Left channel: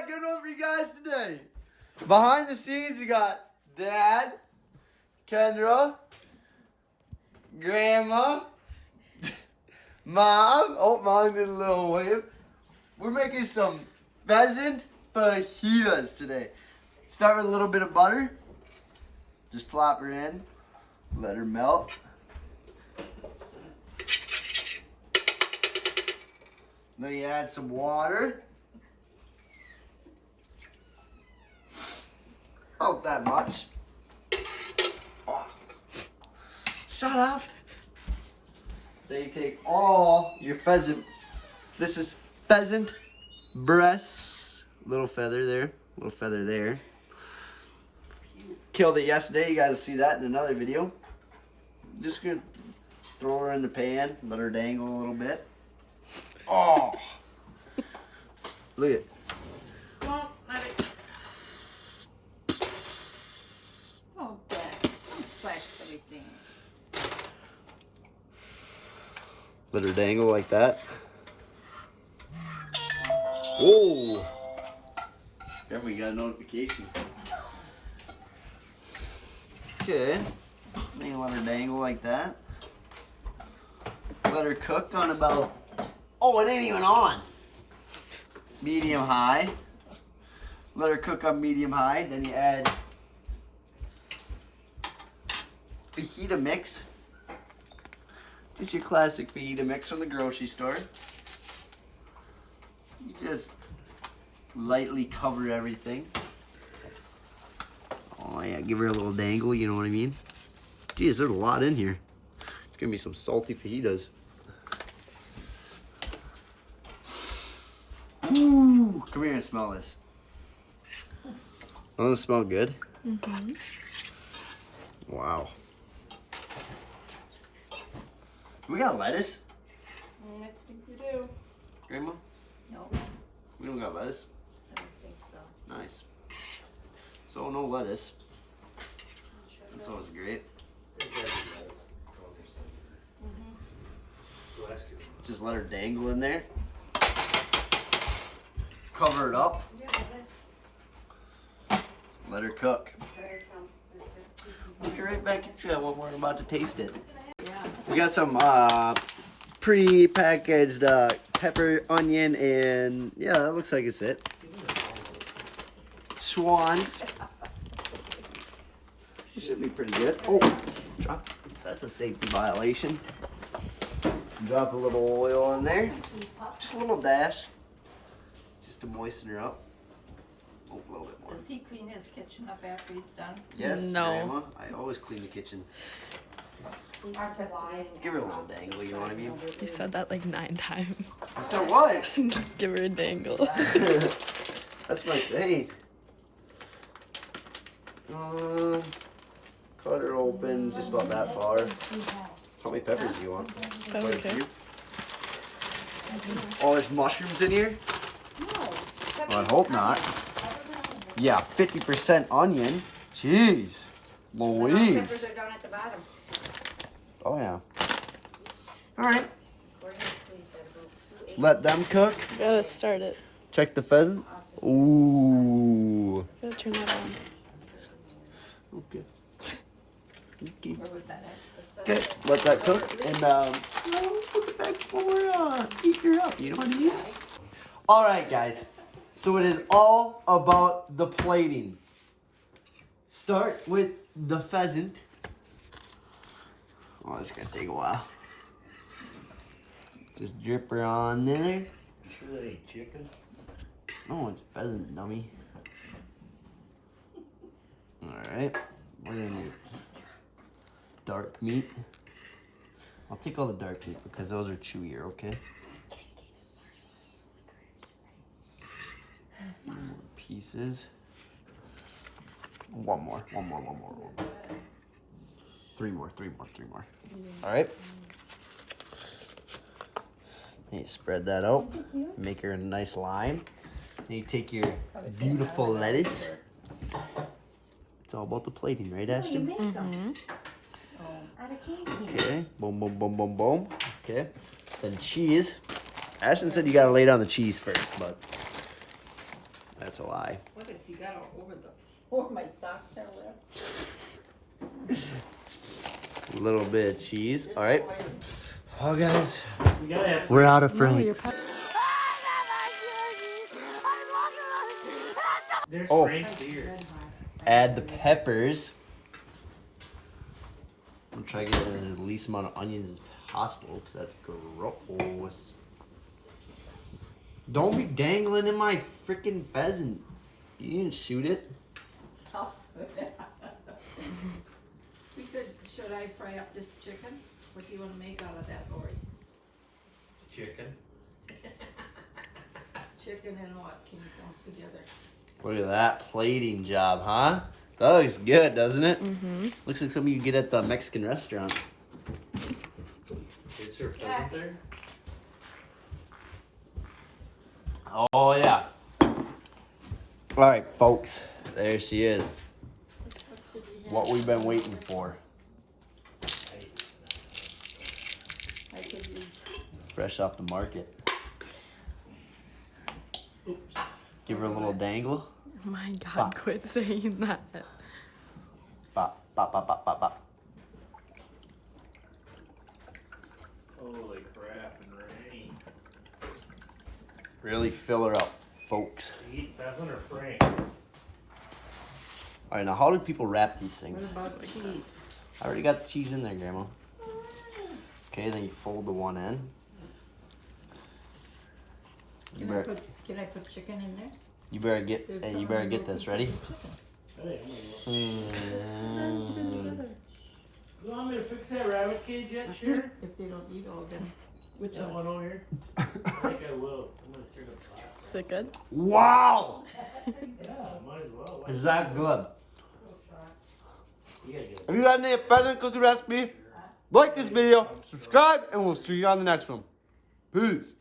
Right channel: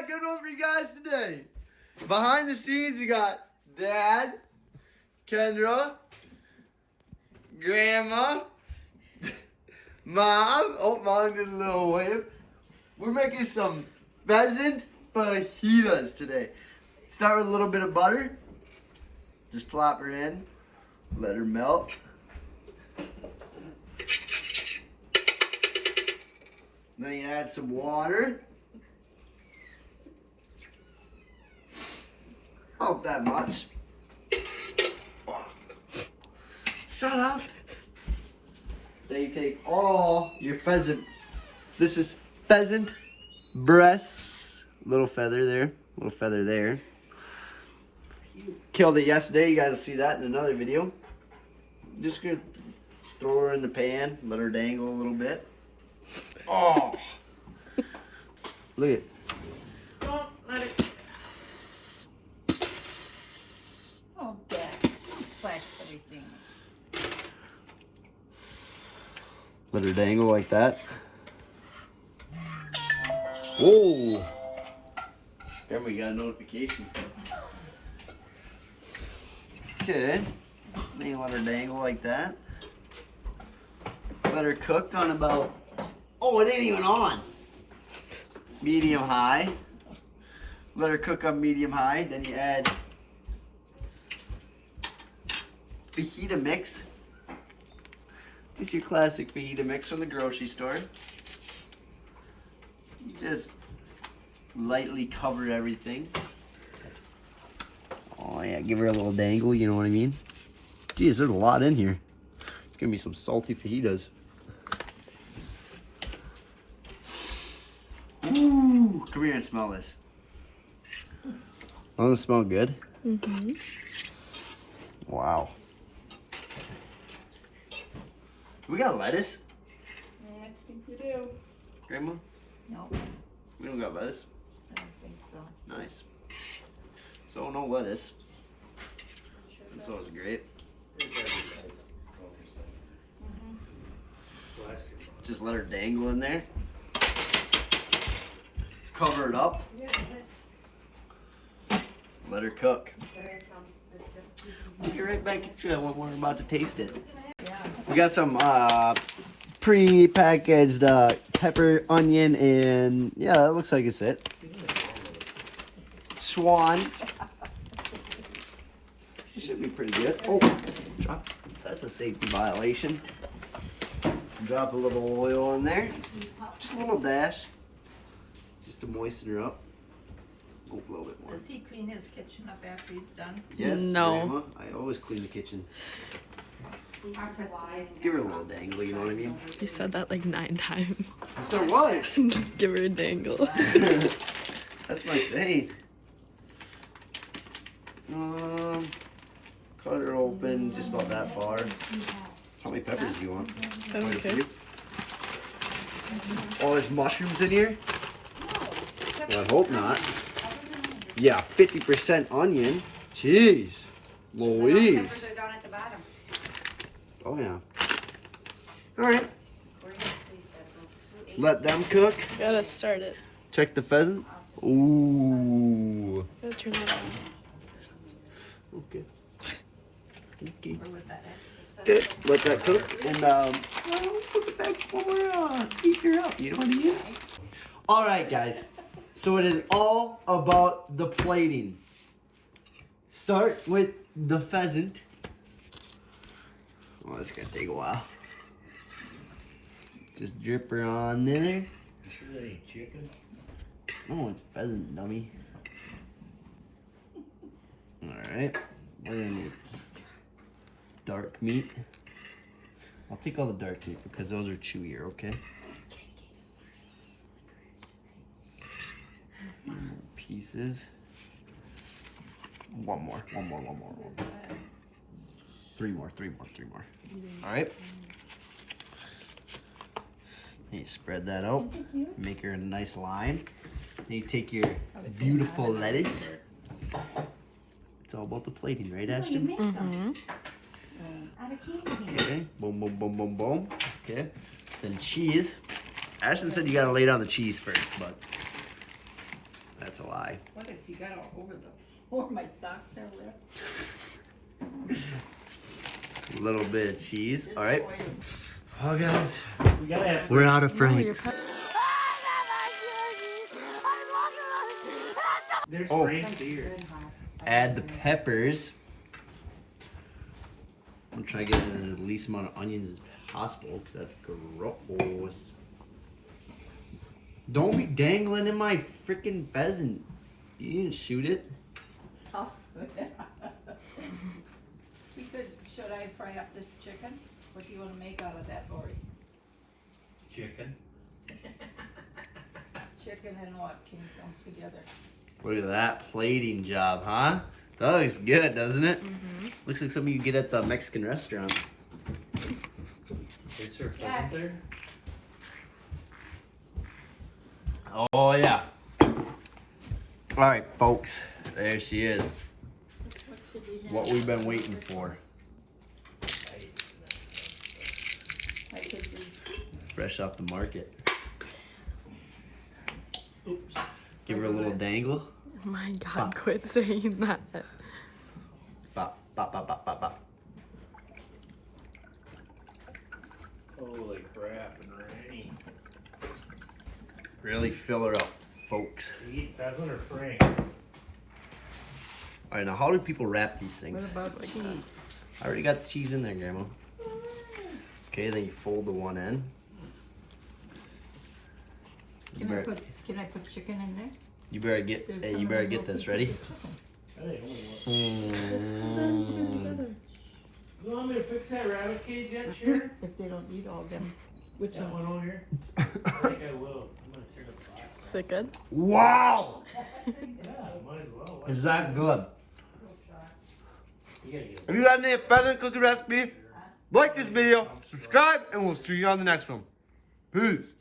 got a good one for you guys today. Behind the scenes, you got Dad, Kendra, Grandma, Mom. Oh, Mom did a little wave. We're making some pheasant fajitas today. Start with a little bit of butter. Just plop her in. Let her melt. Then you add some water. Not that much. Oh. Shut up. Then you take all your pheasant. This is pheasant breasts. Little feather there. Little feather there. Killed it yesterday. You guys will see that in another video. Just gonna throw her in the pan. Let her dangle a little bit. Oh. Look at it. Don't let it. Oh, God. Splash everything. Let her dangle like that. Whoa! There we got a notification. Okay. Then you let her dangle like that. Let her cook on about. Oh, it ain't even on. Medium high. Let her cook on medium high. Then you add fajita mix. This is your classic fajita mix from the grocery store. You just lightly cover everything. Oh yeah, give her a little dangle, you know what I mean? Geez, there's a lot in here. It's gonna be some salty fajitas. Ooh, come here and smell this. Doesn't it smell good? Mm-hmm. Wow. We got lettuce? I think we do. Grandma? No, We don't got lettuce. I don't think so. Nice. So no lettuce. That's always great. Just let her dangle in there. Cover it up. Let her cook. We'll be right back at you when we're about to taste it. We got some pre-packaged pepper, onion, and yeah, that looks like it's it. Swans. It should be pretty good. Oh, drop. That's a safety violation. Drop a little oil in there. Just a little dash. Just to moisten her up. Oh, a little bit more. Does he clean his kitchen up after he's done? Yes, No. Grandma. I always clean the kitchen. Give her a little dangle, you know what I mean? You said that like 9 times. So what? Give her a dangle. That's my saying. Cut her open just about that far. How many peppers do you want? I don't care. Oh, there's mushrooms in here? Well, I hope not. Yeah, 50% onion. Jeez. Louise. They're down at the bottom. Oh yeah. Alright. Let them cook. Gotta start it. Check the pheasant. Ooh. Gotta turn that on. Okay. Okay. Where was that at? Good. Let that cook and we'll put it back when we're eating her up. You know what I mean? Alright guys. So it is all about the plating. Start with the pheasant. Oh, it's gonna take a while. Just drip her on there. Sure that ain't chicken? Oh, it's pheasant, dummy. Alright. We're gonna need dark meat. I'll take all the dark meat because those are chewier, okay? A few more pieces. One more. Three more. Alright. You spread that out. Make her a nice line. Then you take your beautiful lettuce. It's all about the plating, right, Ashton? Mm-hmm. Out of candy. Okay. Boom. Okay. Then cheese. Ashton said you gotta lay down the cheese first, but That's a lie. What has he got all over the floor? My socks are wet. A little bit of cheese. All right. Boy, Oh, guys. We gotta have We're out of No, you're Frank's. there's Oh. Frank's beer. Add the peppers. I'm trying to get in the least amount of onions as possible because that's gross. Don't be dangling in my freaking pheasant. You didn't shoot it. tough. We could, should I fry up this chicken? What do you want to make out of that, Lori? Chicken. Chicken and what can come together? Look at that plating job, huh? That looks good, doesn't it? Mm-hmm. Looks like something you get at the Mexican restaurant. Is there pheasant there? Oh, yeah. All right, folks. There she is. What we've been waiting for. I could use Fresh off the market. Oops. Give her a little dangle. Oh my God, quit saying that. Bop, bop, bop, bop, bop, bop. Holy crap and rain. Really fill her up, folks. Eat pheasant or Frank's? All right, now how do people wrap these what things? about cheese? I already got the cheese in there, Grandma. Okay, then you fold the one end. You better, Can I put chicken in there? you better get, There's hey, some you better other get this pieces ready. of chicken. I didn't Mm. You want me to fix that rabbit cage yet, Sharon? If they don't eat all them. Which That one? one over here? I think I will. I'm gonna turn the flash. Is it good? Wow! Yeah, might as well. Is that good? You gotta get If you got any pheasant cooking recipe, like this video, subscribe, and we'll see you on the next one. Peace.